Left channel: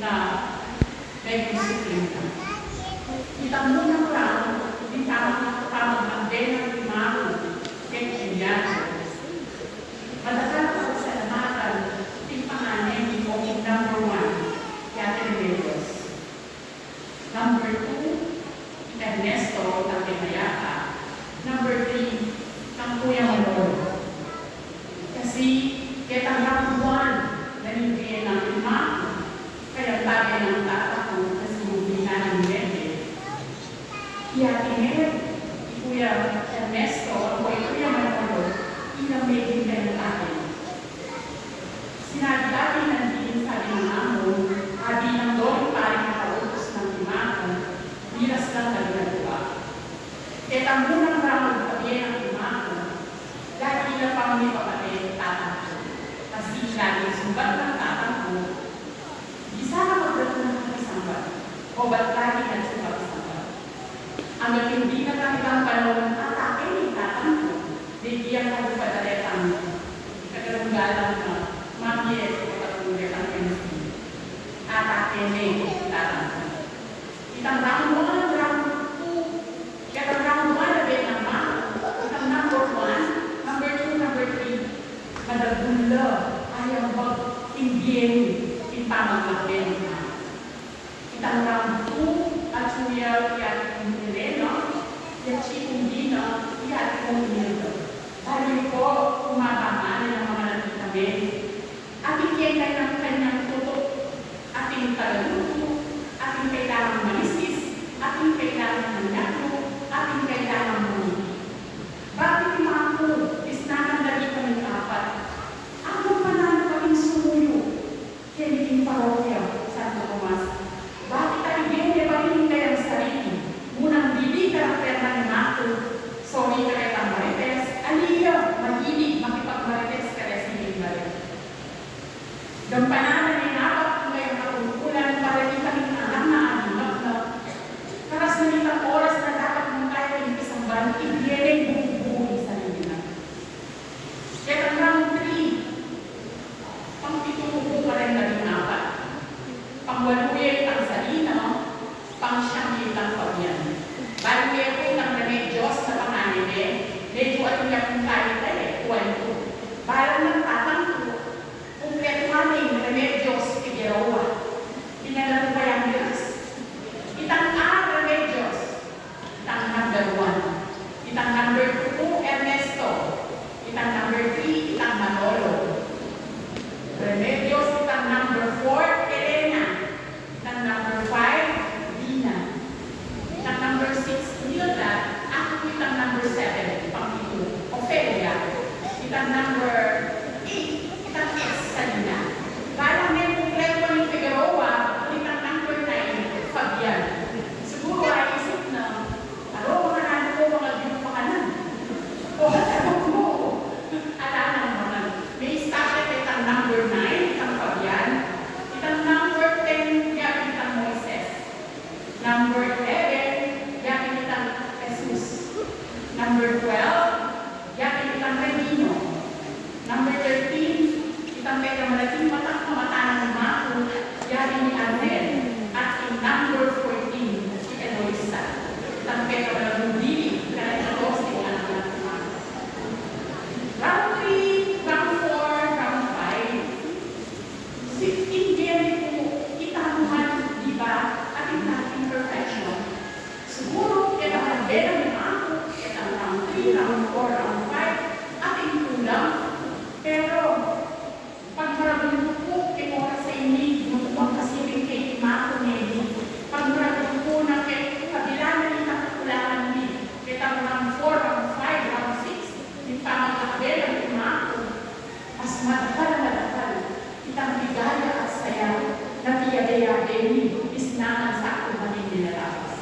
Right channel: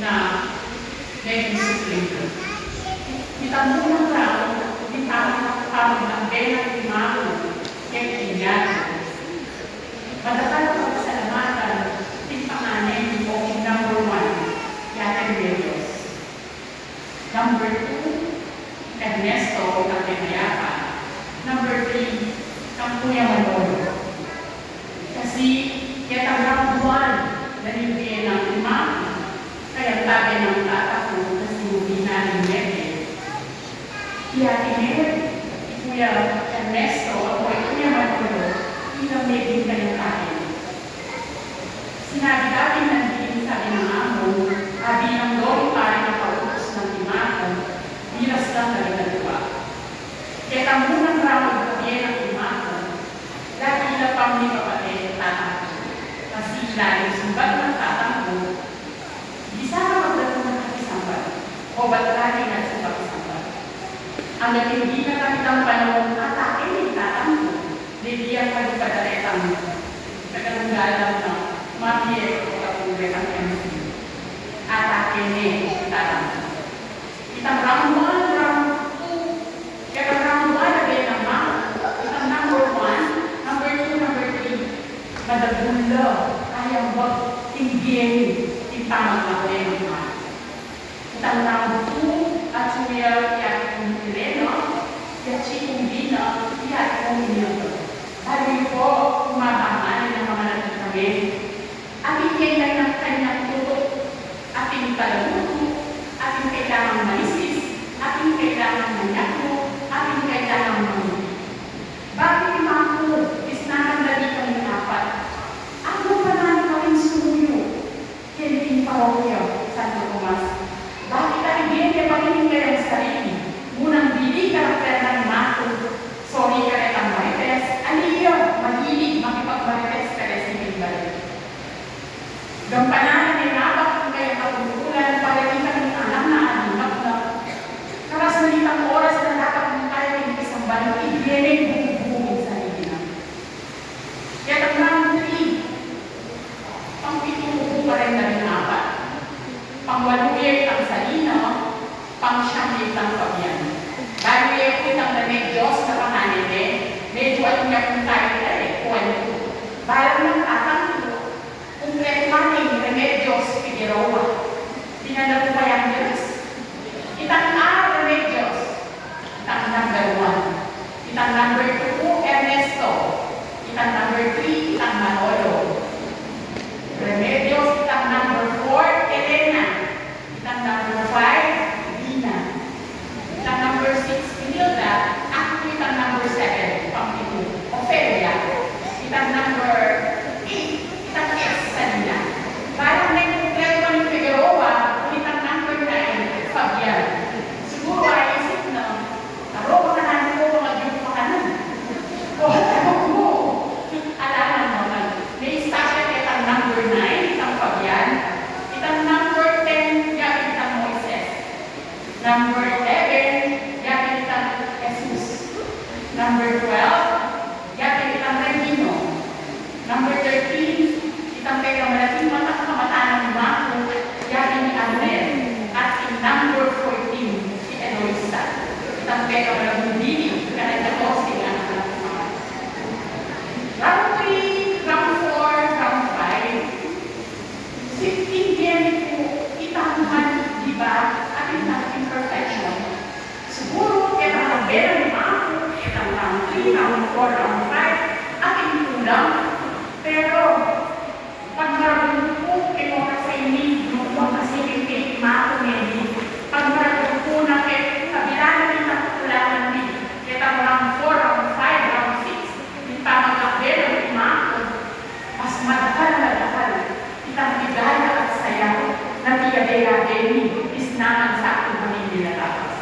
na naging suplina. Kita mo lang, hindi tawag ng Benang Limano, Kekiliano. Madakal ko sa lamatan, yung panganin o yung number 1, Yatin Reyes. Number 2, Ernesto ng Temayapa. Number 3, ang Kuya Manolo. Kasi, yatang round 1, nanibigyan ng Limano. Kaya tabi ng tata ko kasi hindi namin Mete. Kaya Kuya Ernesto o Kuya Manolo, ilang Mete kayo tayo. Sinabi natin nandito sabi ng amo, abi ng doon pari na pautos ng imakan, miras lang nalagalawa. Kaya tamunang ramod kabiyan ng imakan, lagi na pang may kapatid tatang ko. Kasi lagi sumbat ng tatang ko, di sana magdato ng kasambat, o ba't lagi nagsumbat-sambat. Ang hindi na kakitang panahon, atake ng tatang ko, didiyan ka ng padaletang kagalunggalan na mamiyet o kapulit ang MC. Atake ni tatang ko. Itang round 1, round 2, kaya round 1 na din naman, itang number 1, number 2, number 3, madagula, kayang mag-tingin, tamang makulit na. Itang round 2, at suya, yan kung Heleno, yan si kung Dino, yan kung Nildo. Dahil po, kumakaman ng mga nagkitabi, ating kailan ng kanyang tutok, ating kalaluto, ating kailangang malisis, ating kailangang manyato, ating kailangang manyato. Bakit imako, is nakandali kami apat? Ano pa na kaming sumuyo? Kaya parokya, Santo Tomas. Bakit ang iglesia pakinig ang sarili? Munang dili karakter ng mato. Sorry ka rin ang marites. Aliyo, mahilig makipag-marites ka rin si Minggalit. Gampanan ay napak kung kayo kapulukulan para di kami anak na alinap na. Karas na ditang oras na dapat mong tayo ng isang banong iglesia buong-buong sarili na. Kaya ang 3, pang-pitong pa rin na rin apat. Pang-waluyek ang salina, pang-siyangit ang pabyan. Waluyek ko ng Remedios na panganite, medyo at niya kung tayo tayo, kuwan ko. Balang ng tatang ko, kumpleto namin Remedios Figueroa. Pinadalo pa yung Diyos. Itang Remedios, itang number 1. Itang number 2, Ernesto. Itang number 3, itang Manolo. Remedios, itang number 4, Elena. Itang number 5, Dina. Itang number 6, Imelda. Ako itang number 7, Pang-Pitu, Ophelia. Itang number 8, itang S, Salina. Parang may kumpleto ng Figueroa, itang number 9, Fabian. Siguro ay isip na, aro, makanan ko, mga diyo pa ka na. O, tawag mo. Alaman mo man. May sakit itang number 9, itang Fabian. Itang number 10, yakin itang Moises. Number 11, yakin itang Jesus. Number 12, yakin itang Rendino. Number 13, itang kaya malaking kamatanan ni Marco, yakin ni Arnel. At in number 14, si Eloisa. Itang kaya malaking dili, kanadya ko si anak ng mga. Round 3, round 4, round 5. 16 game po, itamuhan, di ba, at itang imperfection. Siguro, itang kabela ni Marco, itang round 3, round 4, round 5, ating tulang. Pero, pag marabong po, ito sa inyo, nung kasi kay Marco ngayon, pag marabong po na kabila na rin ang kulangan din, itang round 4, round 5, round 6, yung pamagkabela ni Marco, mas madakal na dakal, itang bigaya at sayaw, na tiyabaya din, isnahan sa aking pamilya tapos.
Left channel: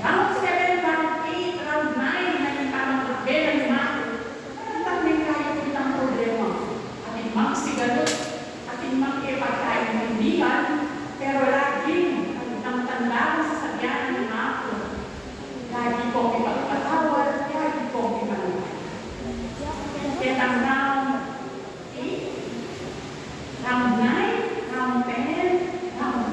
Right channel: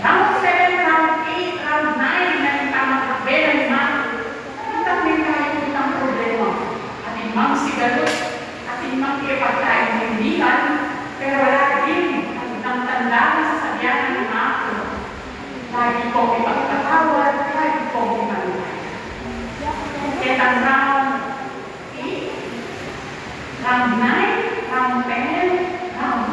Round 7, round 8, round 9, na yung pamagkabela ni Marco, itang may kaya itang problema. Ating mang sigalot, ating mang ipagkain ng hindihan, pero wala din ang tanda na sasabihan ng Marco. Lagi kong ipagpatawad, lagi kong ipagpatawad. Kaya ang round 8, round 9, round 10, round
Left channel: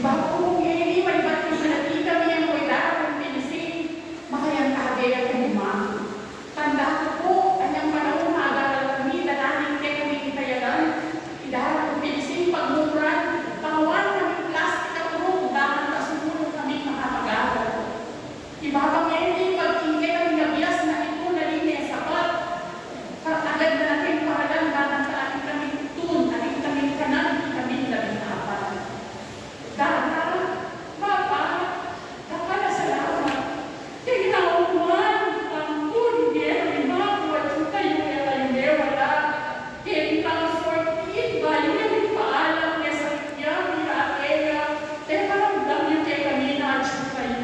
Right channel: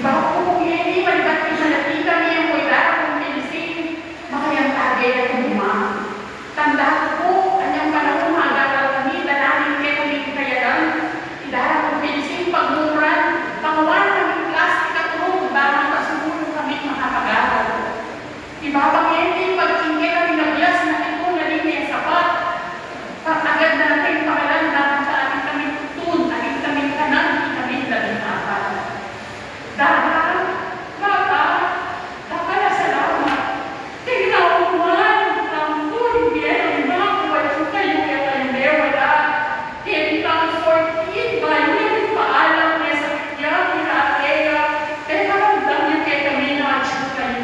Iba po hindi malibat isalati kami ang kuidara kung pinising makayang tagay at kumumang. Tanda ko, kanyang panahon maagagal kami, dalanin kayo kami kayaran, idara kung pinising pagmumuran, pangawan kami plastik at tulong, bakang kasunod kami makapagagal. Ibabang hindi pagkingke kami nabias na ito na linya sapat. Agad na natin pangalan naman sa ating kami tutun, ating kami kanan, kami labing apat. Dahil, bata, kapala salamat. Tinauman, ang hindi mga wala sa kayo, kaya kayo wala. Kaya itang 14, bayo yung paalam niya sa kanya, kaya kaya maramdam niya kaya kami na-achieve kayo.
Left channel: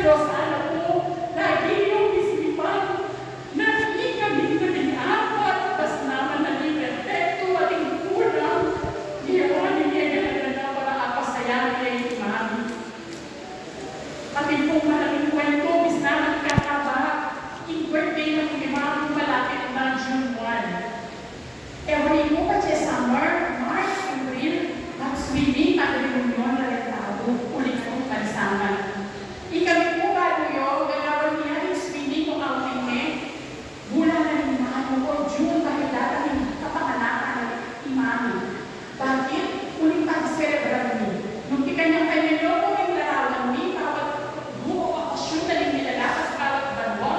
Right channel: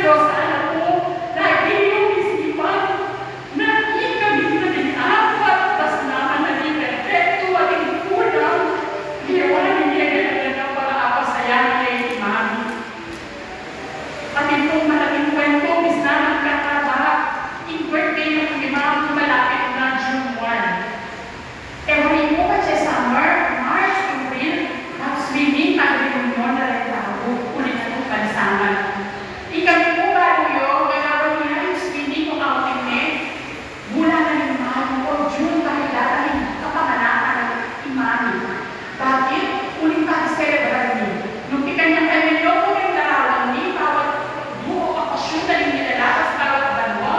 Pero sana po, lagi yung isipan na hindi kami apat, tas naman na di perfecto, ating kulang, liyawanin niya na para apasayahin niya yung mami. Ating pong malaking kwento, bis naman kakaba, yung birthday ng imam malapit na June 1. Every mo pa siya summer, March, April, mag-swimming, mag-reunion na rin tao, ulit na itong pansaman. Ikami po bago yun, gagawin niya yung swimming o outing niya, bulan na ng imam ko, June, dahil dati kapanganakan ng imami. Bakit? Ulit pa celebrar niya. Nung ikanyang kayo nyo, kung yung larawan niya, bawat buo okasyon na rin nilalakas bawat banwa.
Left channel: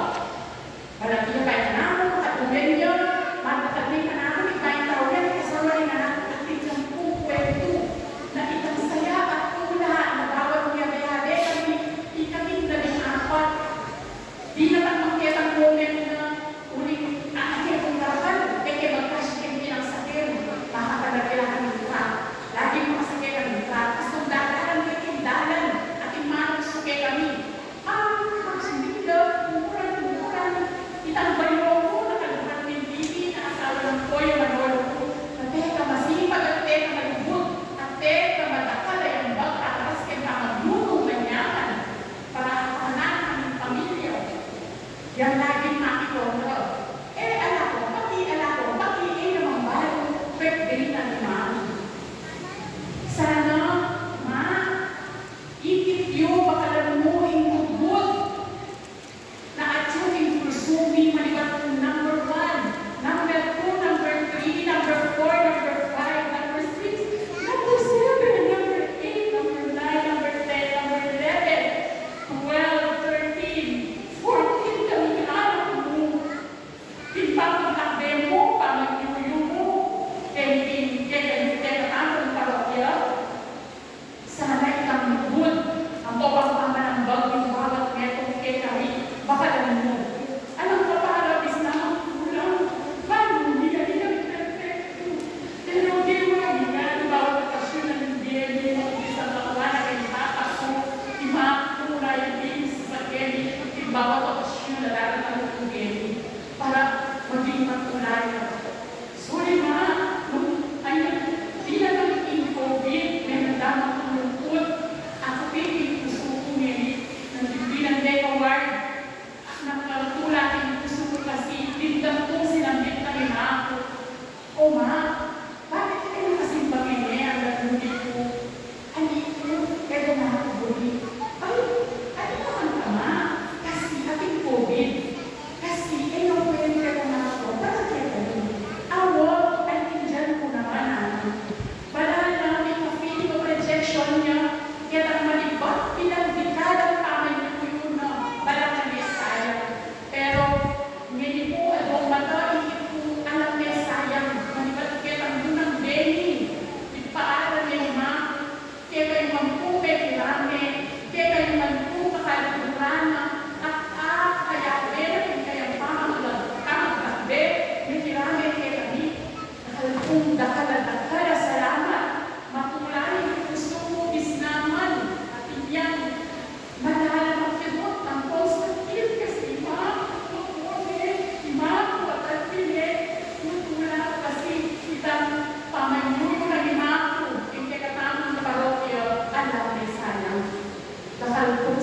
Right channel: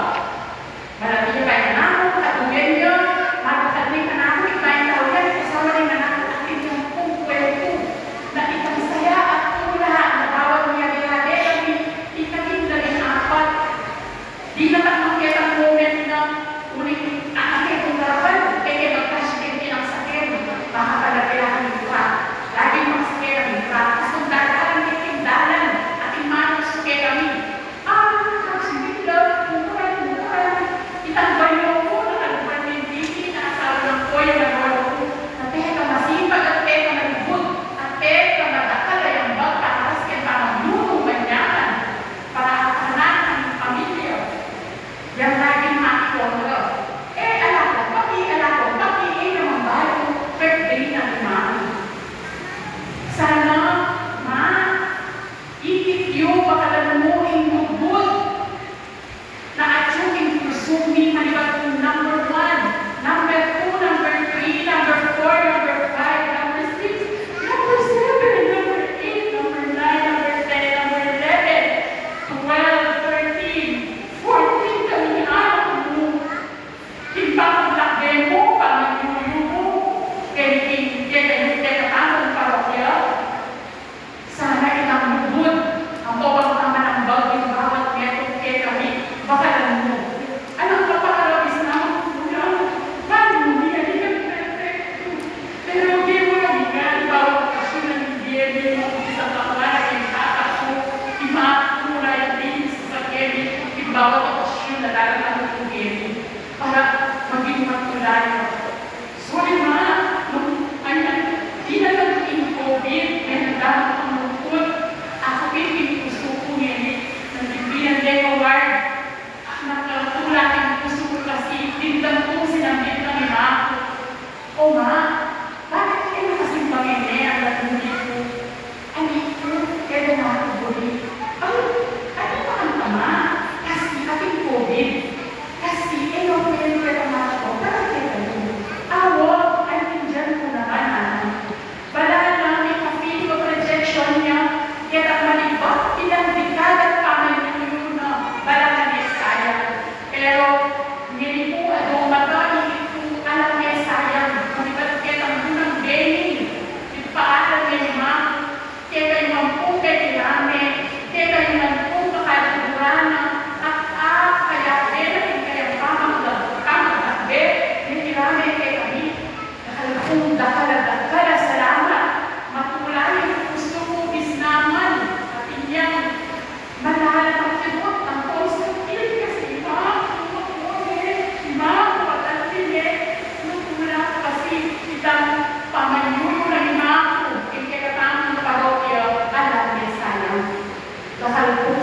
Malapit kayo na ako, katuloy niya, magkakadling ka na ako, ikayin tao yan, kasama rin na ako, at yung kung kwento, na itang saya at tula, na bawat niyari-hali, kami ikaming naging apat. Di naman makita ang moment na ulit nakakit ang larawan, kaya magkasikin din ang sakit, makakalapilahan ng iba. Laging makasakit ang iba, gusto dadalan, kikindalan, at imanang suke kami. Magsibilang, umuran, itang bayo ko, nakalupan ng titi, nakasawa ng koy, nagawalo ko, na teka masipag at teka malibot, at teka madakal ay ang bag, patakas kaya pamaglulong manyaman, para akanan ng pamilya. Yan laging makikondro. Alam ko, pati naman bago, birthday ng imami. Sana, ma, ikit yung pakalamuhin lubot na atyong pursuing malibat kong number 1, number 2, number 3, number 4, number 5, number 6, number 7, number 8, number 9, number 10, number 11, 12, 13, 14, kami anak mo. Timpang lakbe mo, pangayuyo mo, kaya katapang parokya. Sana itang lubot ang bawat naman ang bagong bawat netong kaya kami, baka lang mo. Anong kaparabis na magkulang? Paano niya, di kami perfecto. Pero di mo na nga, bawat kasyon ng hindi mo isang kapalan, yung tatak mo, imakula yung tinis sa kemi, bawat kasyon na darating ang kemi, para maging matulay mo. Sorry ma, di na lang in COVID, may nagdamang ang lungkot. Ako pinupuso ko ngayon, nagbibilang day award, nakatula ang puso ko kasi, dindang ko sinambit na nila ako. O ma, bakit kayo kasing pangene ang nagmuli ko? Anak ko, kaya na ako buli. Ano ba ang tama? Kasi ating COVID. Kasi, pwede ka na ako, bakit kayo? Awo, ay tindihan ko naman, anak. Bala lang, may kapili ko projection niya, kaya ang malibak, ilang dekadat pa man yun na bala na Messiah. Pero, hindi po, matali po, alam Messiah, malibak kaya ang munang Benny, ipaaral niya ni Ma, kaya kayo mampu kay Kirame, kaya kayo mampu kakalaburana, kaya din, kaya pamagdagbe, yung Kirame kay kami, nakalapong dakala, salamat, makulay, gusto ko bisnaman, at iyan, mahal ang kibot, ang positive, kasi nagtula kasi itang pamanyulo na ni Mako, yung kaya katang parokya, alam niya sayang. Nakalapong